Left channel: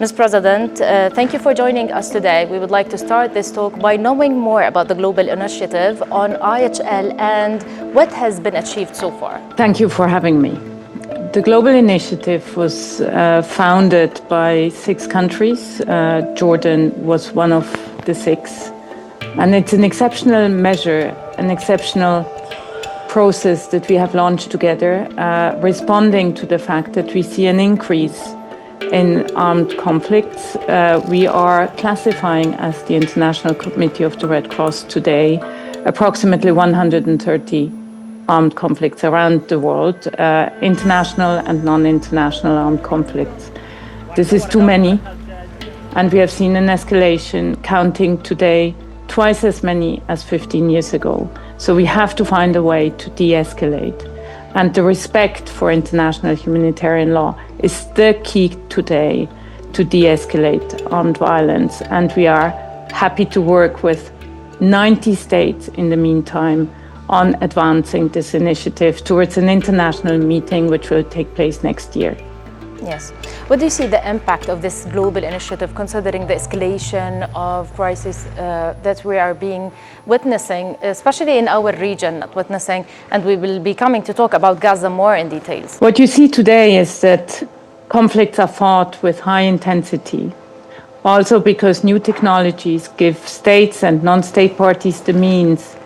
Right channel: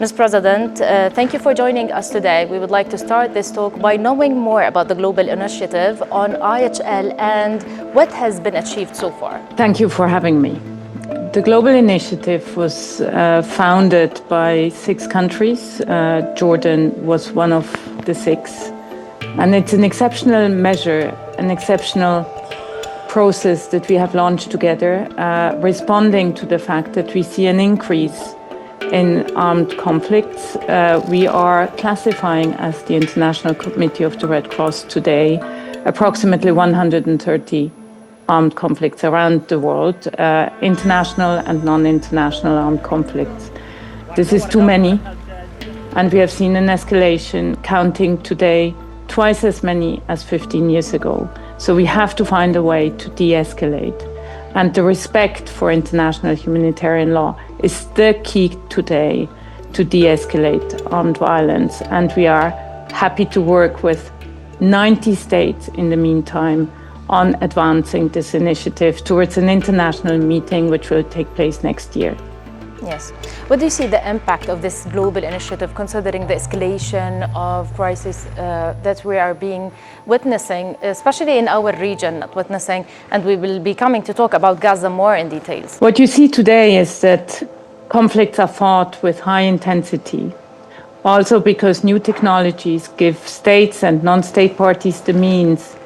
Ms. President, thank you for joining us today. We would like to start this talk by knowing more about the global initiative on IHL and what has been achieved so far. Thank you for having me. The global initiative was founded by 6 countries. Jordan was one of the 6. And it's an exceptional measure, an exceptional process that we have launched together, responding to the fact that we see an increase in armed conflicts. We are classifying as the International Committee of the Red Cross today approximately 130 armed conflicts around the world, international and non-international armed conflicts. This is too many, and we have seen an escalation counting today twice as many as 15 years ago. So we have to find a way to de-escalate. And the respect for international humanitarian law is the key today to de-escalate armed violence. And we are happy to work with 90 states in the meantime on advancing this initiative towards an international meeting which will take place next year. Yes. What do you see the impact of this global initiative, considering the escalation of crisis that we are witnessing, especially in our region, and we will be coming to talk about Gaza more in details? What you see today is that conflicts are fought with high intensity, also because new technologies give states and non-state parties the means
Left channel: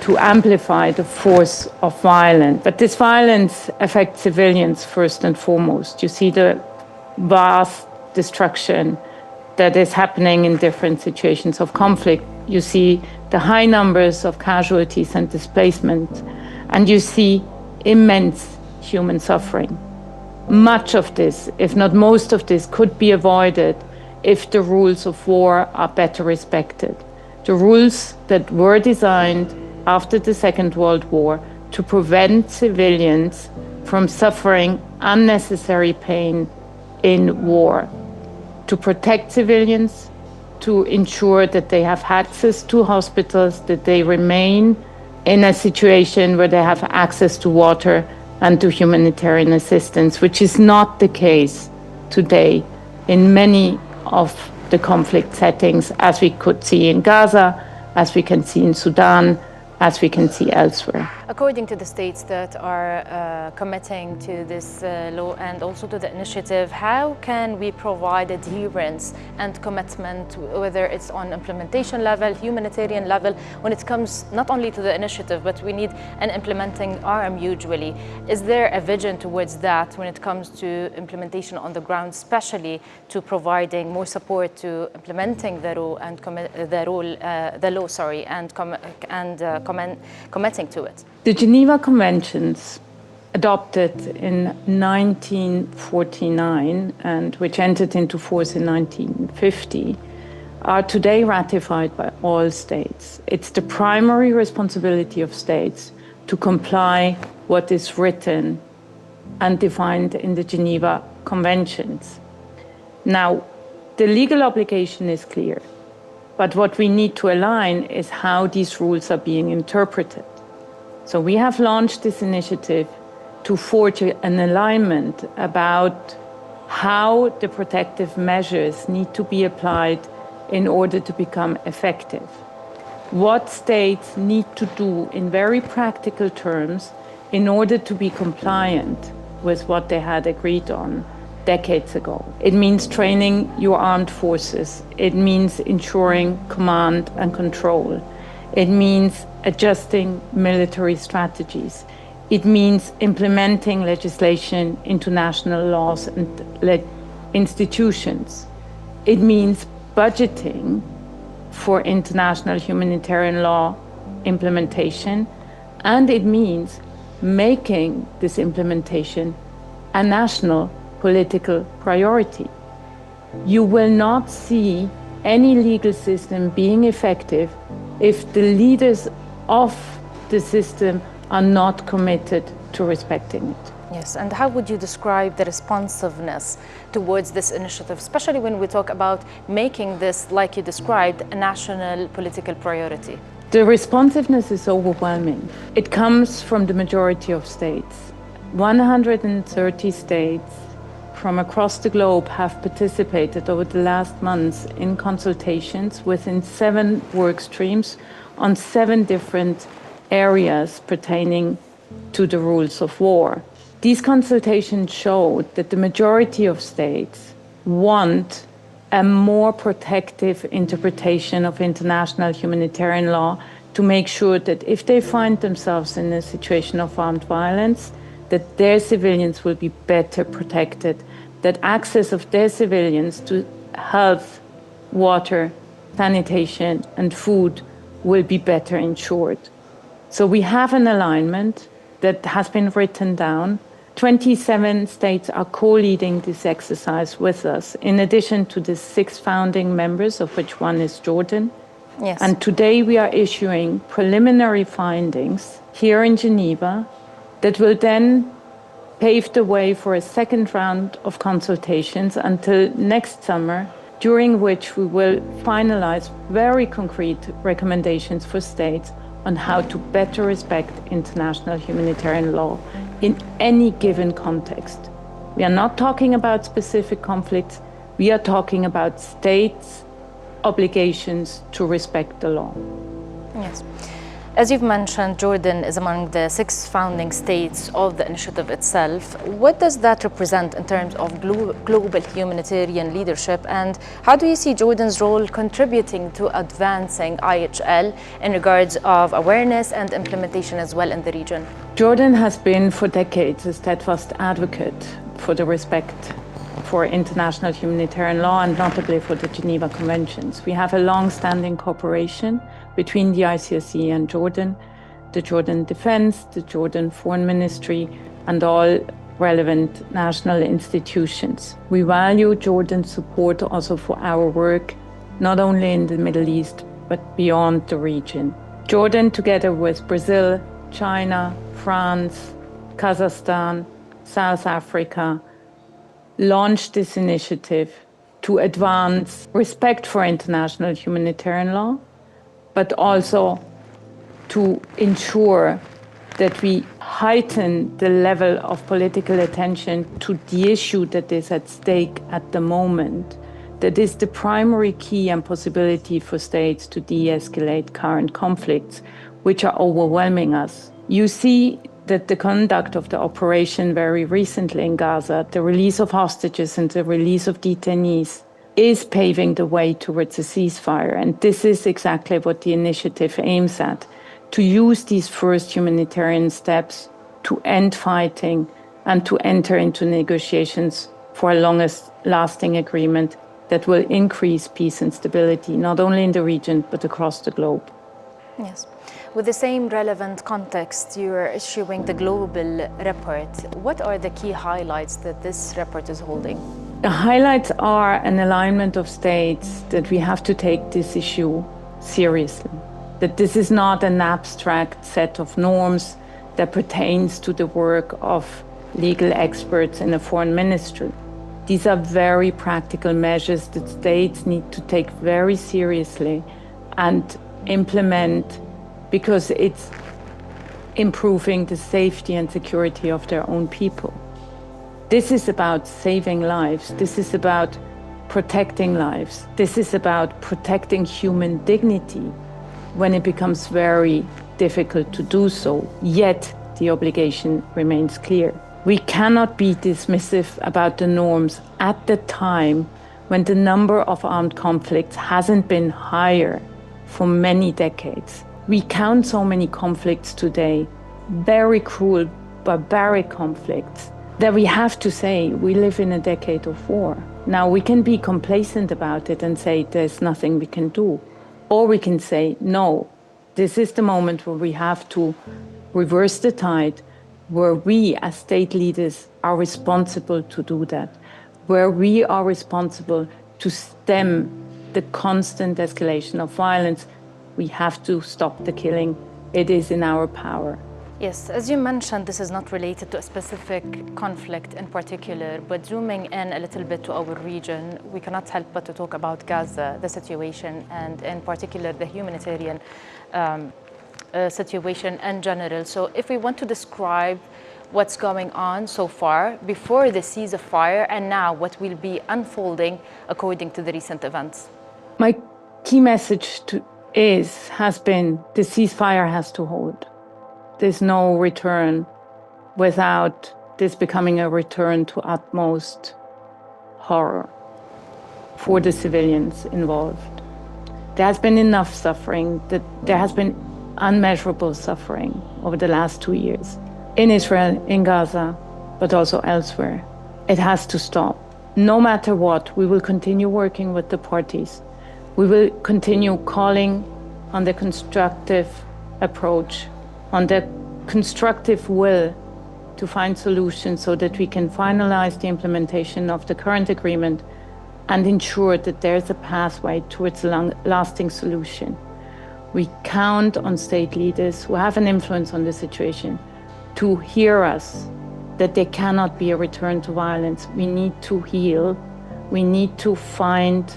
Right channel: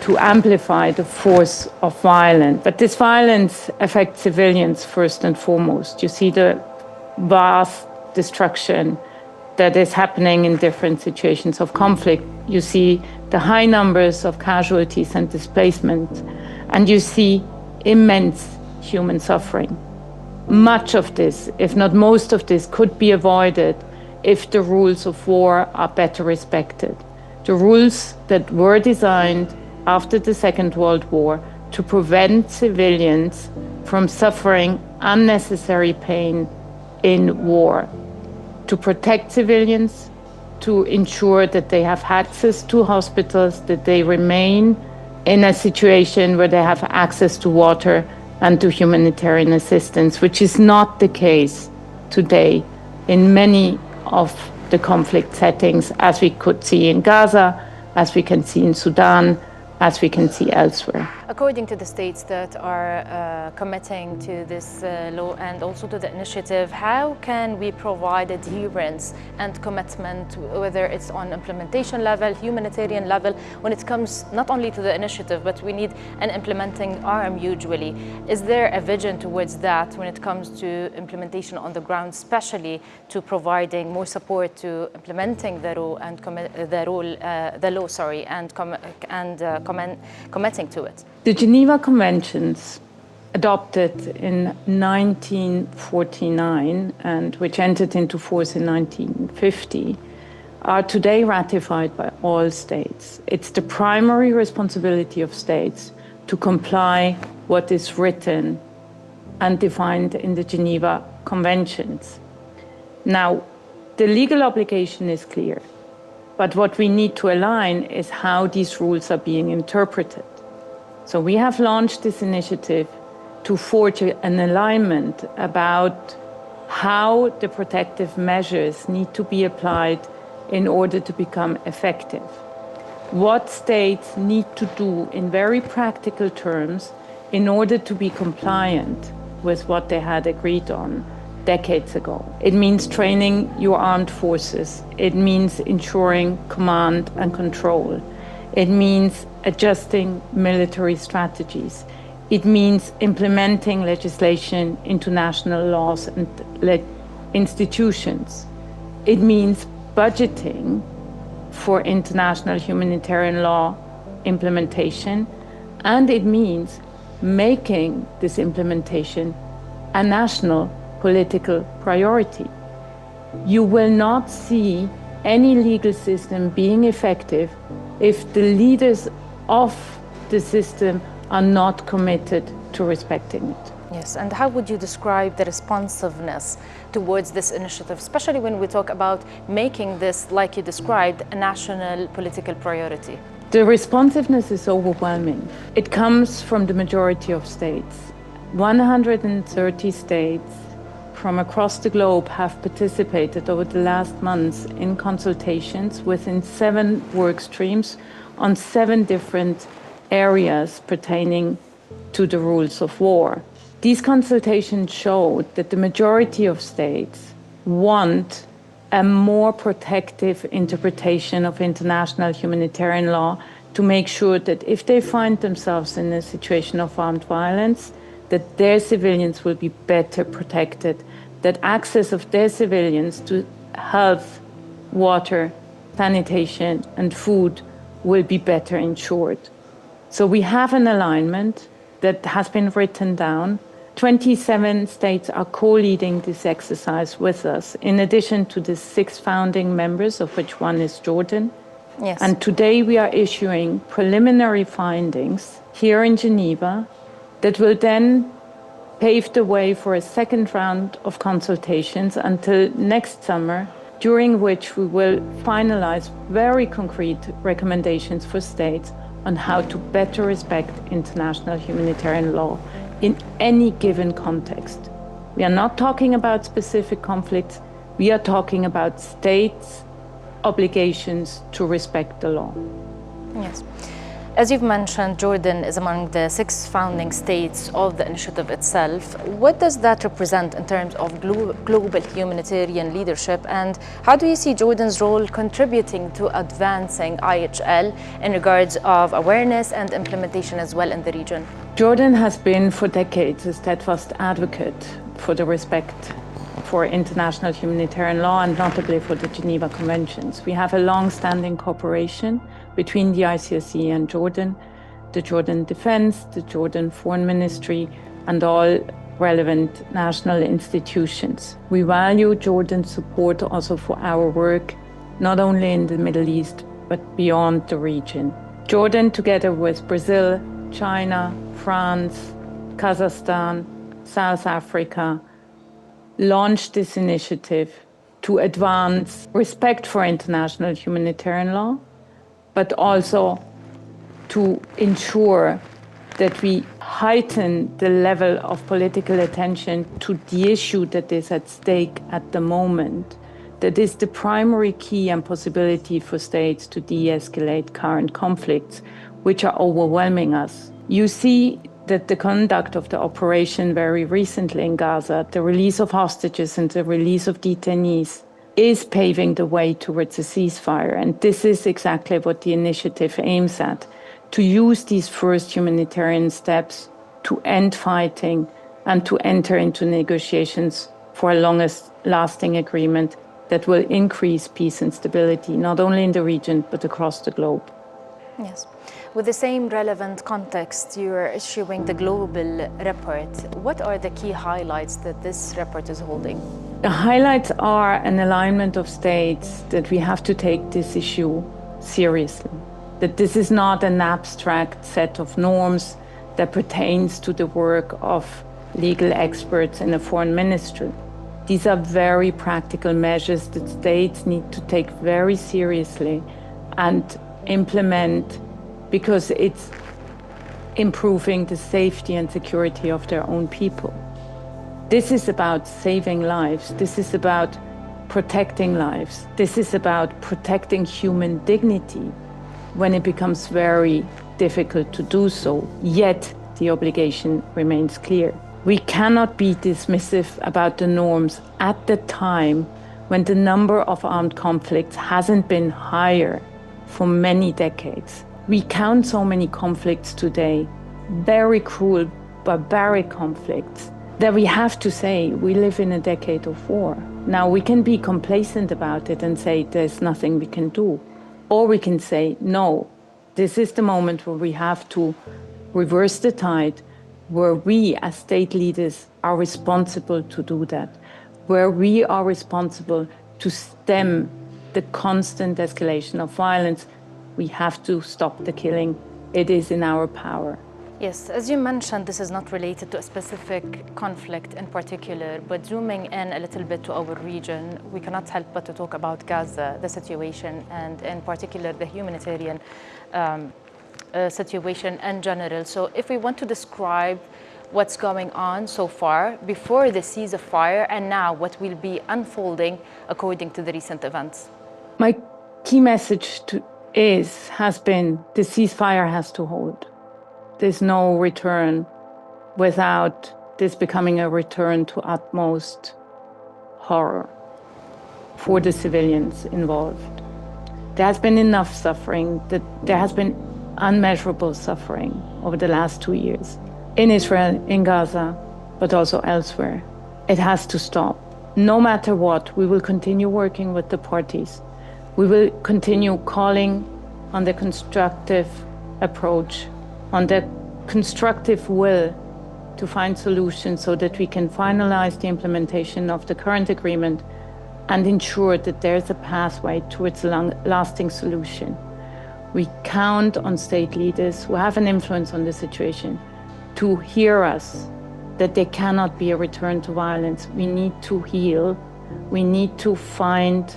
to amplify the force of violence. But this violence affects civilians first and foremost. You see the vast destruction that is happening in different situations of conflict. You see the high numbers of casualties and displacement, and you see immense human suffering. Much of this, if not most of this, could be avoided if the rules of war are better respected. The rules that were designed after the Second World War to prevent civilians from suffering unnecessary pain in war, to protect civilians, to ensure that they have access to hospitals, that they remain in a situation where they have access to water and to humanitarian assistance, which is not the case today in many of the conflict settings, as we could see in Gaza, as we can see in Sudan, as we can see elsewhere. According to the states that are committing to this law and also to the initiative, how can we provide adherence and commitment, whether it's on implementation level, humanitarian level, when it comes not only to the initiative, but we need an implementing arm usually? Is there a vision towards that when it comes to implementation on the ground, especially to providing more support to implementing the law and committing to it? The Geneva Conventions, adopted in 1949 and which entered into force in 1950, are today ratified by all states. It's the primary responsibility of states to comply what is written and defined in the Geneva Conventions. Now, the legal obligation is clear, but what we need to align is how these rules are being interpreted. So we have launched this initiative to forge an alignment about how the protective measures need to be applied in order to become effective. What states need to do in very practical terms in order to be compliant with what they had agreed on decades ago. It means training your armed forces. It means ensuring command and control. It means adjusting military strategies. It means implementing legislation into national laws and institutions. It means budgeting for international humanitarian law implementation. And it means making this implementation a national political priority. You will not see any legal system being effective if the leaders of the system are not committed to respecting it. Yes, and how would you describe the responsiveness towards this initiative, especially when we talk about making this, like you described, a national political priority? The responsiveness is overwhelming. It comes from the majority of states. 130 states from across the globe have participated over the last months in consultations within 7 work streams on 7 different areas pertaining to the rules of war. These consultations showed that the majority of states want a more protective interpretation of international humanitarian law to make sure that if they find themselves in a situation of armed violence, that their civilians will be better protected, that access of their civilians to health, water, sanitation, and food will be better ensured. So we have an alignment that has been written down. 27 states are co-leading this exercise with us, in addition to the 6 founding members, of which one is Jordan. Yes. And today we are issuing preliminary findings here in Geneva that will then pave the way for a second round of consultations until next summer, during which we will finalize very concrete recommendations for states on how to better respect international humanitarian law in any given context. We are not talking about specific conflicts, we are talking about states' obligations to respect the law. Yes. As you've mentioned, Jordan is among the 6 founding states of the initiative itself. What does that represent in terms of global humanitarian leadership, and how do you see Jordan's role contributing to advancing IHL in regards of awareness and implementation as well in the region? Jordan has been for decades a steadfast advocate for the respect for international humanitarian law and notably for the Geneva Conventions. We have a long-standing cooperation between the ICRC and Jordan, the Jordan Defense, the Jordan Foreign Ministry, and all relevant national institutions. We value Jordan's support also for our work, not only in the Middle East, but beyond the region. Jordan, together with Brazil, China, France, Kazakhstan, South Africa, launched this initiative to advance respect for international humanitarian law, but also to ensure that we heighten the level of political attention to the issue that is at stake at the moment. That is the primary key and possibility for states to de-escalate current conflicts, which are overwhelming us. You see that the conduct of the operation very recently in Gaza, the release of hostages and the release of detainees, is paving the way towards a ceasefire. And this is exactly what the initiative aims at, to use these first humanitarian steps to end fighting and to enter into negotiations for a longest-lasting agreement that will increase peace and stability, not only in the region, but across the globe. Yes. With the same relevant context, you are issuing the global report. What are the key highlights that this report is holding? The highlights are an alignment of states that we have to take this issue seriously, that this is not an abstract set of norms that pertains to the work of legal experts in a foreign ministry. These are very practical measures that states need to take very seriously and implement, because it's improving the safety and security of their own people. This is about saving lives. This is about protecting lives. This is about protecting human dignity when it becomes very difficult to do so. Yet the obligation remains clear. We cannot be dismissive about the norms at the time when the number of armed conflicts hasn't been higher for many decades. We count so many conflicts today, very cruel, barbaric conflicts, that we have to say we live in a decade of war. Now, we can be complacent about it and say there's nothing we can do. Or we can say, no, this is the moment where we have to reverse the tide, where we as state leaders are responsible to do that, where we are responsible to stem the constant escalation of violence. We have to stop the killing. It is in our power. Yes, as you mentioned, this is not related to a specific conflict in particular, but zooming in a little bit to our region, we cannot help but to talk about Gaza, the situation, and in particular the humanitarian situation in general. So if we want to describe what's going on so far before the ceasefire and now what will be unfolding according to the recent events? My key message has been the ceasefire has to hold. There's no return without this becoming a return to utmost horror for the civilians involved. There has been enough suffering, that there has been unmeasurable suffering over the last 2 years in Israel, in Gaza, but also elsewhere. It has to stop. No matter what, we will continue working with the parties. We will continue calling on the constructive approach, on the constructive will to find solutions so that we can finalize the implementation of the current agreement and ensure that there's a pathway towards a lasting solution. We count on state leaders who have an influence on the situation to hear us, that there cannot be a return to violence. We need to heal. We need to find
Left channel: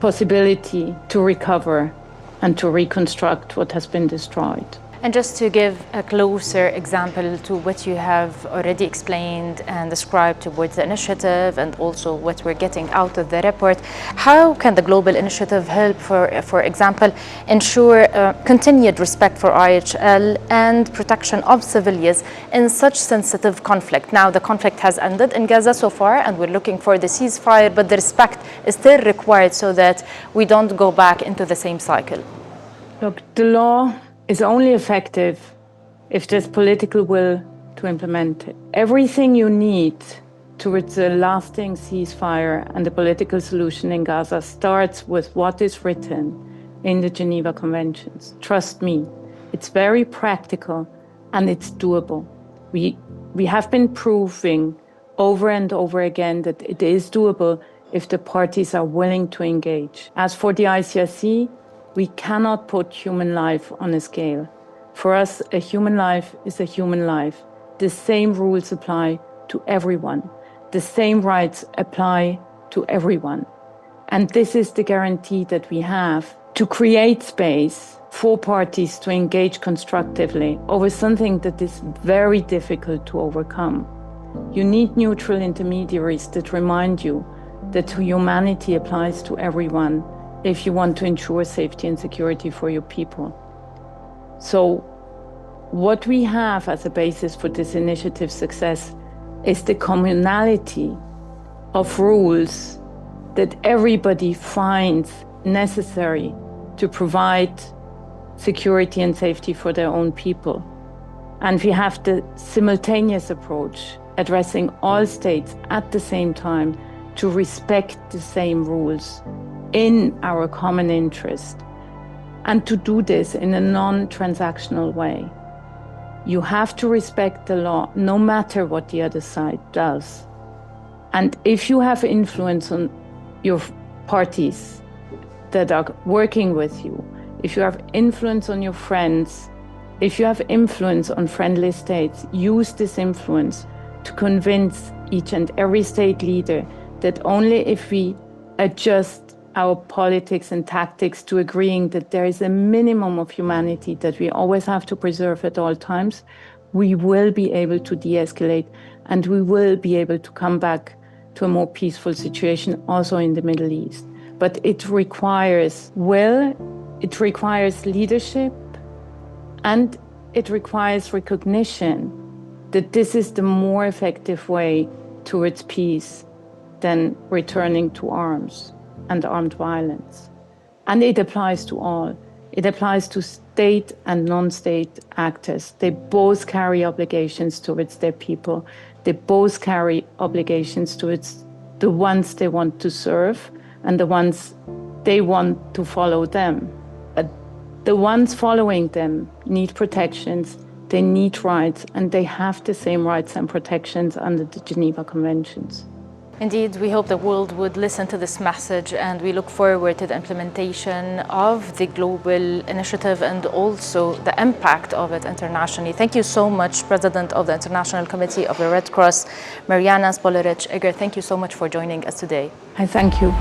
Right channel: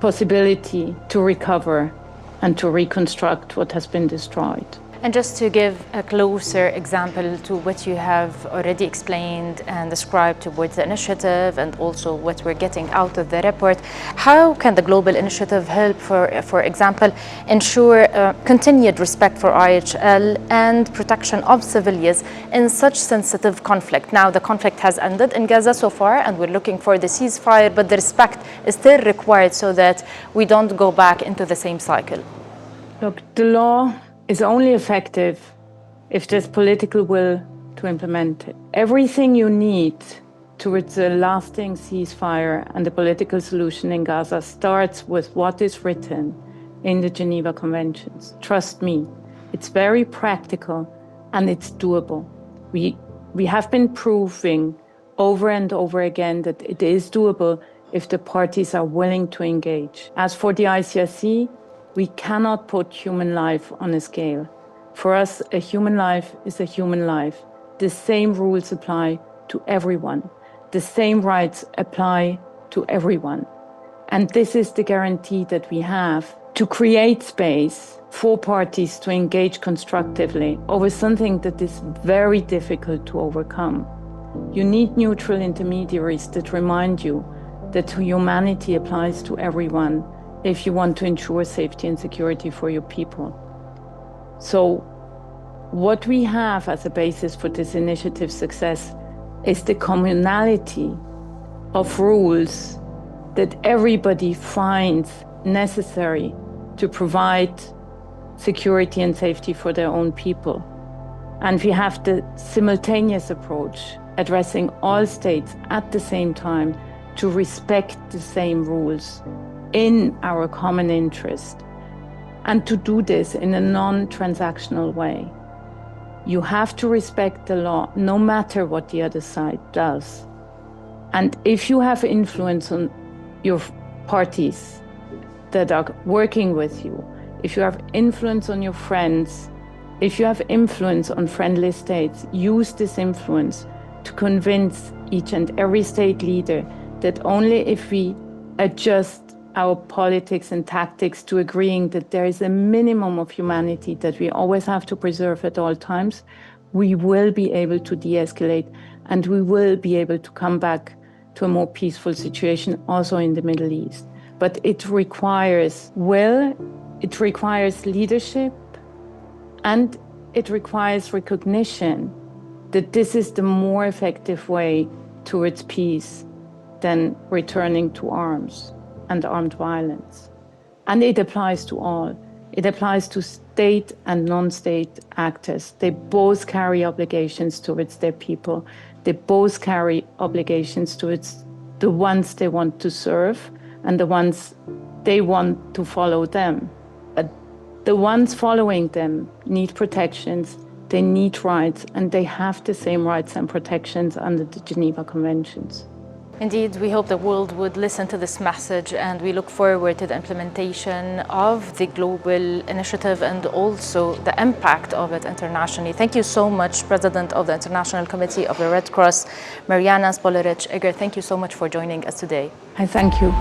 possibility to recover and to reconstruct what has been destroyed. And just to give a closer example to what you have already explained and described towards the initiative and also what we're getting out of the report, how can the global initiative help, for example, ensure continued respect for IHL and protection of civilians in such sensitive conflict? Now, the conflict has ended in Gaza so far and we're looking for the ceasefire, but the respect is still required so that we don't go back into the same cycle. Look, the law is only effective if there's political will to implement it. Everything you need towards a lasting ceasefire and a political solution in Gaza starts with what is written in the Geneva Conventions. Trust me, it's very practical and it's doable. We have been proving over and over again that it is doable if the parties are willing to engage. As for the ICRC, we cannot put human life on a scale. For us, a human life is a human life. The same rules apply to everyone. The same rights apply to everyone. And this is the guarantee that we have to create space for parties to engage constructively over something that is very difficult to overcome. You need neutral intermediaries that remind you that humanity applies to everyone if you want to ensure safety and security for your people. So what we have as a basis for this initiative's success is the commonality of rules that everybody finds necessary to provide security and safety for their own people. And we have the simultaneous approach, addressing all states at the same time to respect the same rules in our common interest, and to do this in a non-transactional way. You have to respect the law no matter what the other side does. And if you have influence on your parties that are working with you, if you have influence on your friends, if you have influence on friendly states, use this influence to convince each and every state leader that only if we adjust our politics and tactics to agreeing that there is a minimum of humanity that we always have to preserve at all times, we will be able to de-escalate and we will be able to come back to a more peaceful situation also in the Middle East. But it requires will, it requires leadership, and it requires recognition that this is the more effective way towards peace than returning to arms and armed violence. And it applies to all. It applies to state and non-state actors. They both carry obligations towards their people. They both carry obligations towards the ones they want to serve and the ones they want to follow them. But the ones following them need protections, they need rights, and they have the same rights and protections under the Geneva Conventions. Indeed, we hope the world would listen to this message, and we look forward to the implementation of the global initiative and also the impact of it internationally. Thank you so much, President of the International Committee of the Red Cross, Mirjana Spoljaric Egger. Thank you so much for joining us today. I thank you.